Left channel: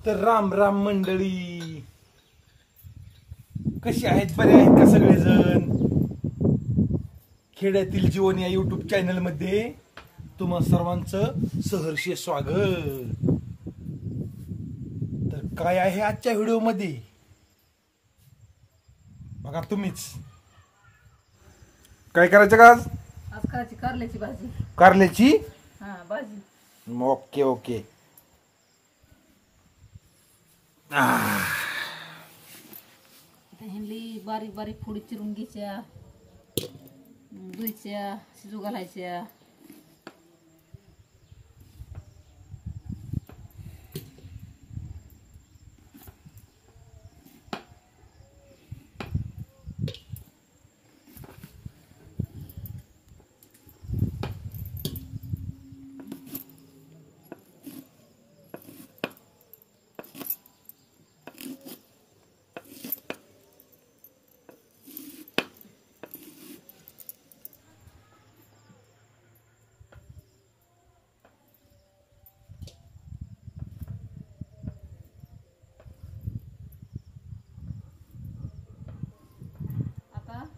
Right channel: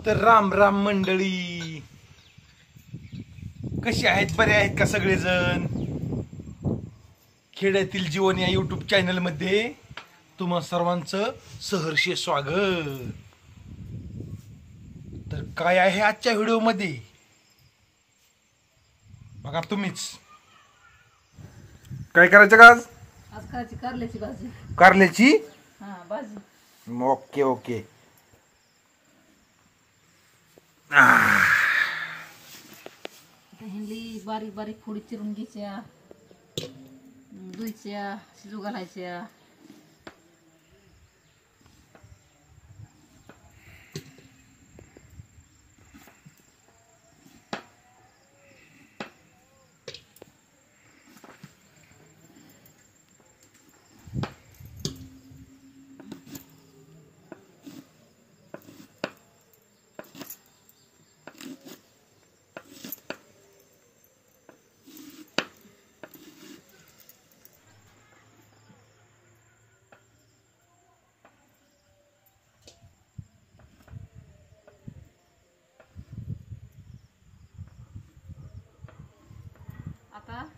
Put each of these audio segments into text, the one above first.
तर राम राम मंडळी, कशी आहेत? बरे आहेत का सगळेजण? खेड्यातील जीवन या युट्यूब चॅनल मध्ये तुम्हा सर्वांचं सहर्ष स्वागत. तर काय आहे आजच्या व्हिडिओ मध्ये बघा तुम्हीच. काय करायचं का आज? आज करायची कारल्याची भाजी. कारल्याची भाजी. Okay okay. हिंदी बारीक बारीक फोडी चिरून घ्यायच्या, धुयच्या, शिजू घालायच्या.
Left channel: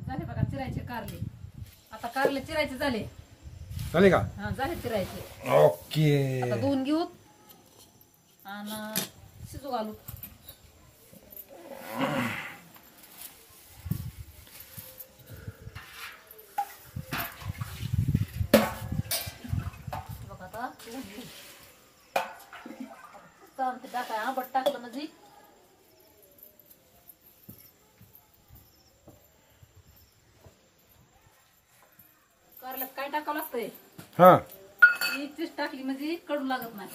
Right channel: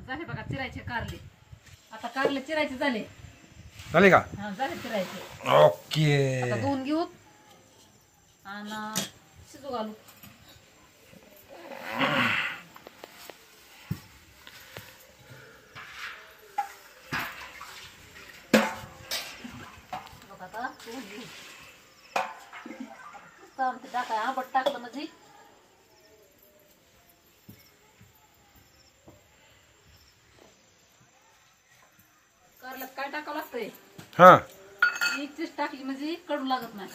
झाले बघा चिरायचे कारले. आता कारले चिरायचे झाले. झाले का? हा झाले चिरायचे. ओके. आता धुवून घेऊ आणि शिजू घालू. बघा आता धुवून घेऊ. टाकाय आंबट टाकलं म्हणजे कारल्यात काय टाकावं लागतंय? हा, चीज टाकली म्हणजे कडू लागत नाही.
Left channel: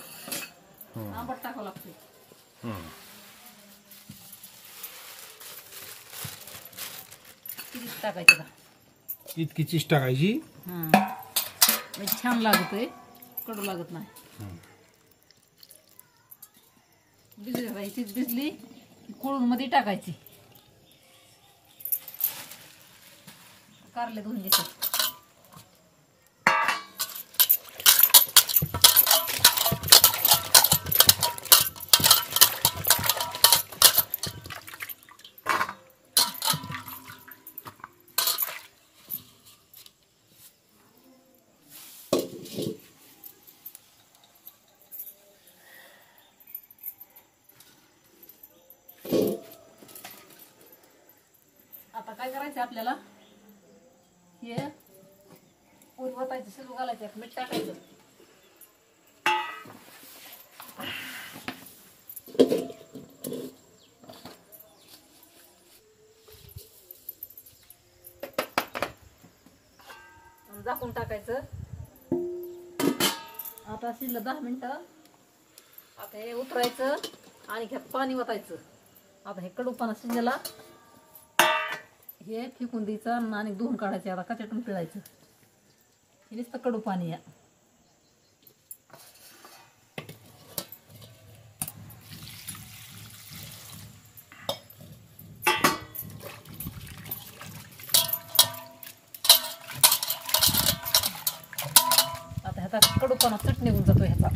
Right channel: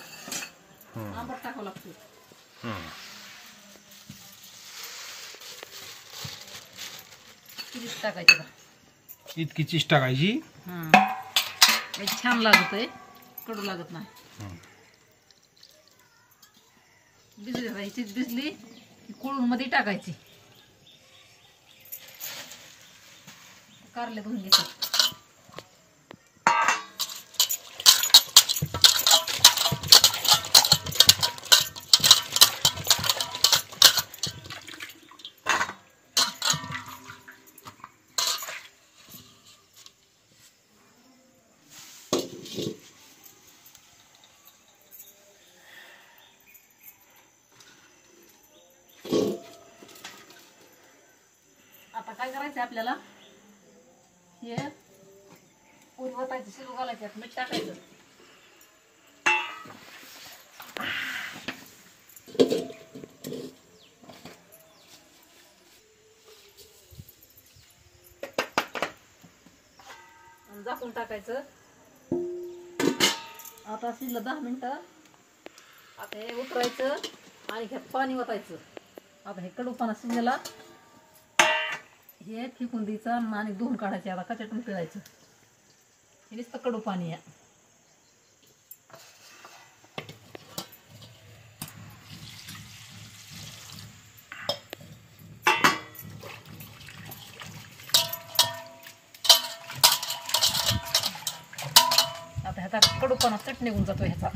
आंबट टाकावं लागतंय. चीज टाकायची का? इतकी चीज टाकायची. छान लागतंय, कडू लागत नाही. भिजली चीज भिजली कोळून मध्ये टाकायची. कारले धुवून घ्यायचे. आता काय करायचं आपल्याला? हे पोळी वतायची, शिजू घालायचं, मीठ टाकायचं. झाकून टाकायचं. आता शिजलं 10 मिनिटं. आता हे उतरायचं आणि ह्यात पाणी वतायचं. आता हे कडूपणा शिजलेला हे फेकून द्यायचं आणि धुवून काढायचं. आता कचाटून पिळायचं. हे नुसतं कडू पाणी आहे. आता ह्याचा कडूपणा चट निघून जातो. ह्याचा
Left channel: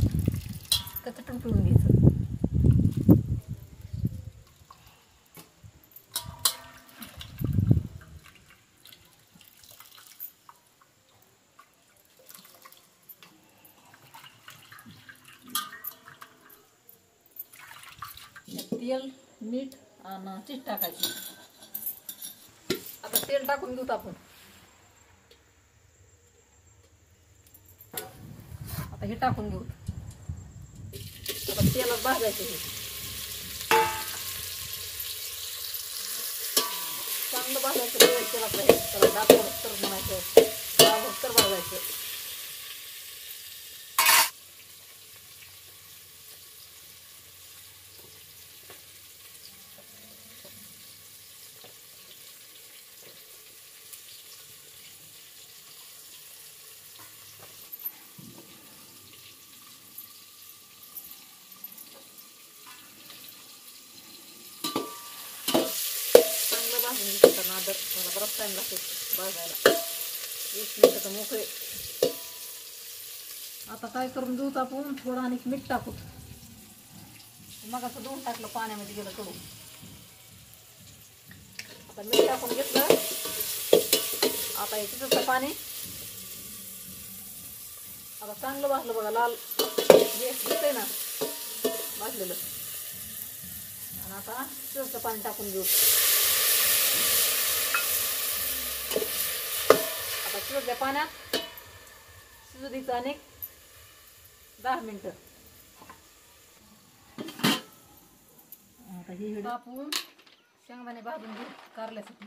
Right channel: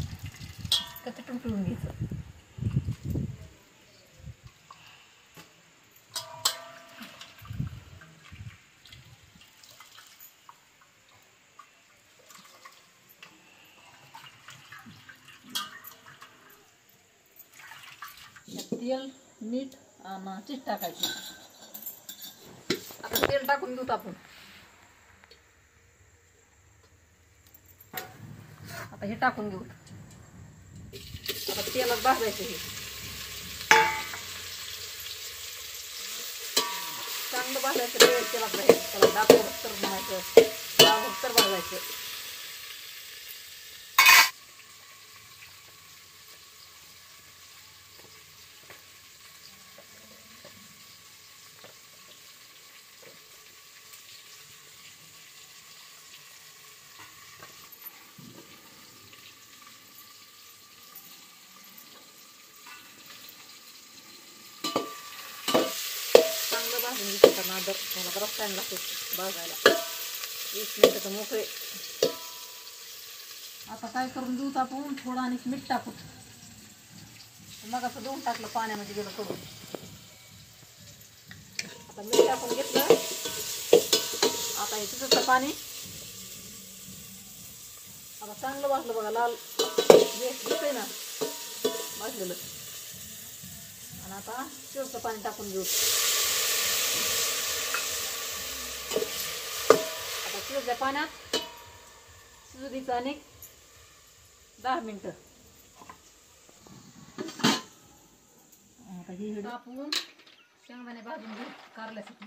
कचाटून पिळून घ्यायचं. तेल, मीठ आणि चीज टाकायची. आता तेल टाकून घेऊ आपण. आता हे टाकून घेऊ. आता तेलात भाजायचं. हे चांगलं भाजायचं. तेलात त्याला दाखवलं तर म्हणायचं, तर भाजायचं. बराच टाइम लागतो भाजायला. 20 मिनिटं मोकळे. आता काय करून घेऊ आपण, थोडं आणि मीठ टाकू. मग असं धुवून टाकलं, पाण्यामध्ये गेलं कडून. आता मीठ टाकून घेतलं. आता हे तिथं पाणी आता चांगलं भाजलं बघा, लाल दिसतंय ना भाजलेलं. आणि आता शिवचं पाणी टाकून घेऊ. आता शिवच्या पाण्यात शिजू द्यायचं आणि 10 मिनिटं. आता ही आपण शेंगदाणे भाजून घेऊ कारल्यासाठी.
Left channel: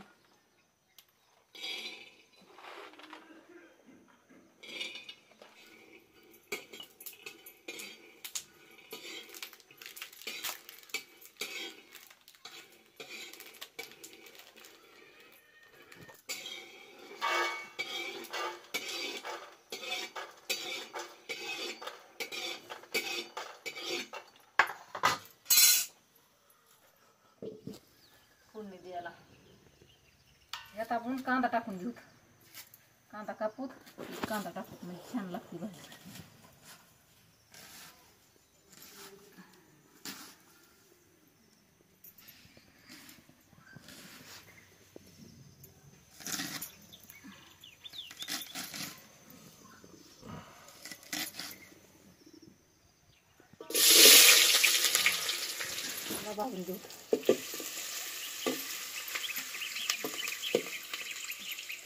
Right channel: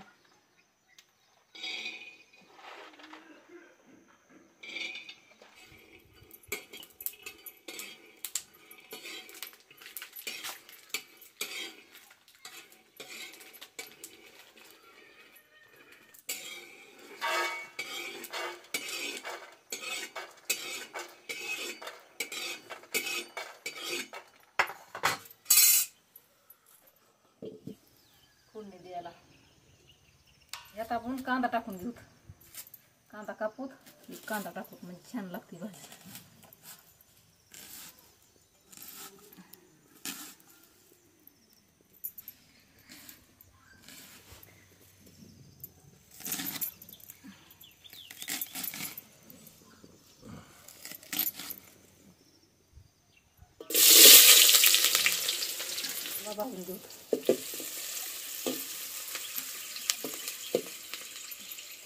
फोडणी द्यायला यात आपण कांदा टाकून घेऊ. कांदा कापूत, कांदा टाकूत म्हणजे छान लागते भाजी. भाजून घेऊ.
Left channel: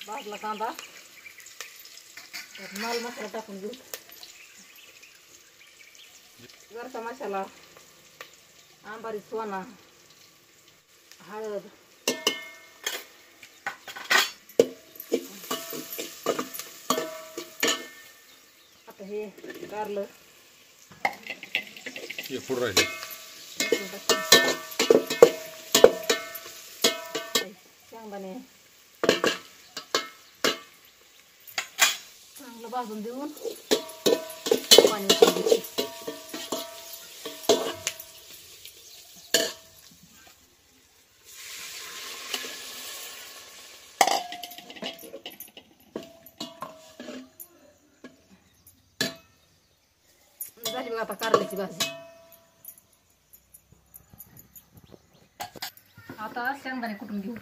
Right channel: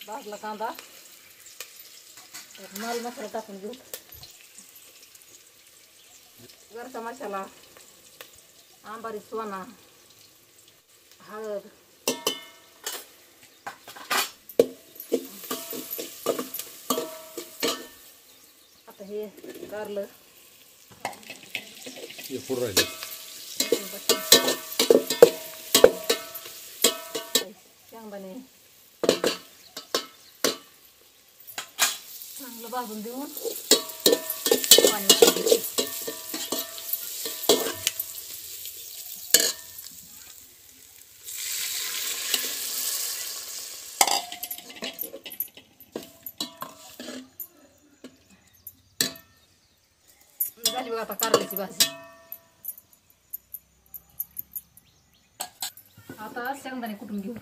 भाजला कांदा, त्यात माल मसाला टाकून घेऊ. वरचा मसाला, आंबारी सोना, हळद, आता हे कारलं पुढं राहिले. शेंगदाणे चांगलं भाजून देऊन पाणी टाकून द्यायचं. झाली बघा आता कारल्याची भाजी. आता शेंगदाणे कुटून घेऊ.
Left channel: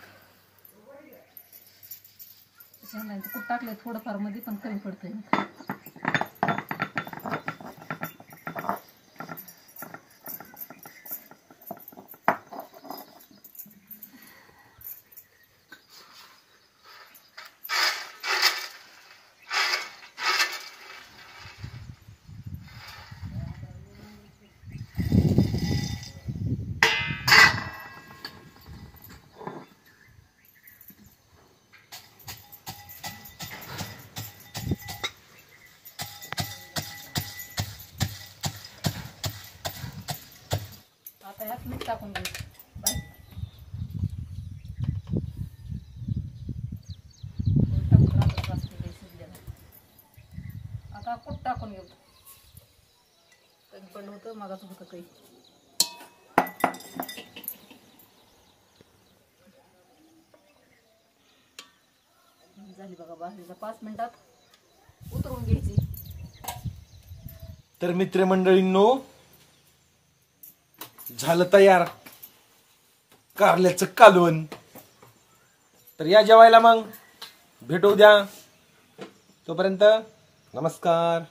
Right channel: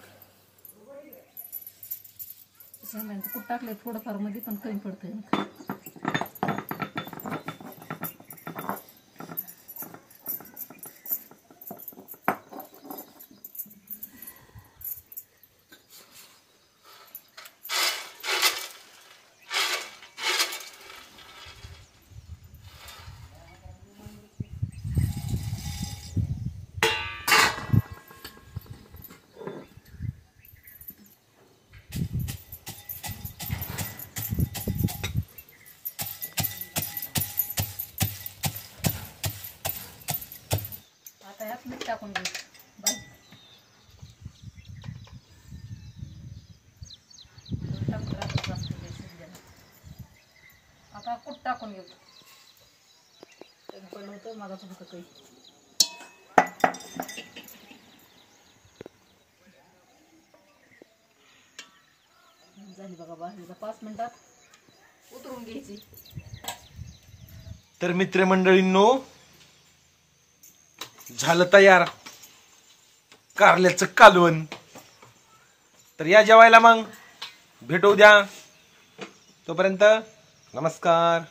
शेंगदाणे कुठ टाकलंय थोडंफार मध्ये, पण कमी पडतंय. आता यात मीठ टाकून घेऊ. आता कुठ टाकून घेऊ. कमी पडलं होतं मागाचं होतं काही. झाली बघा भाजीला 5 मिनिटात उतरून घ्यायची. तर मित्रमंडळींनो, झालं तयार कारल्याचं कालवण. तर या जेवायला, मग भेटू द्या. तोपर्यंत नमस्कार.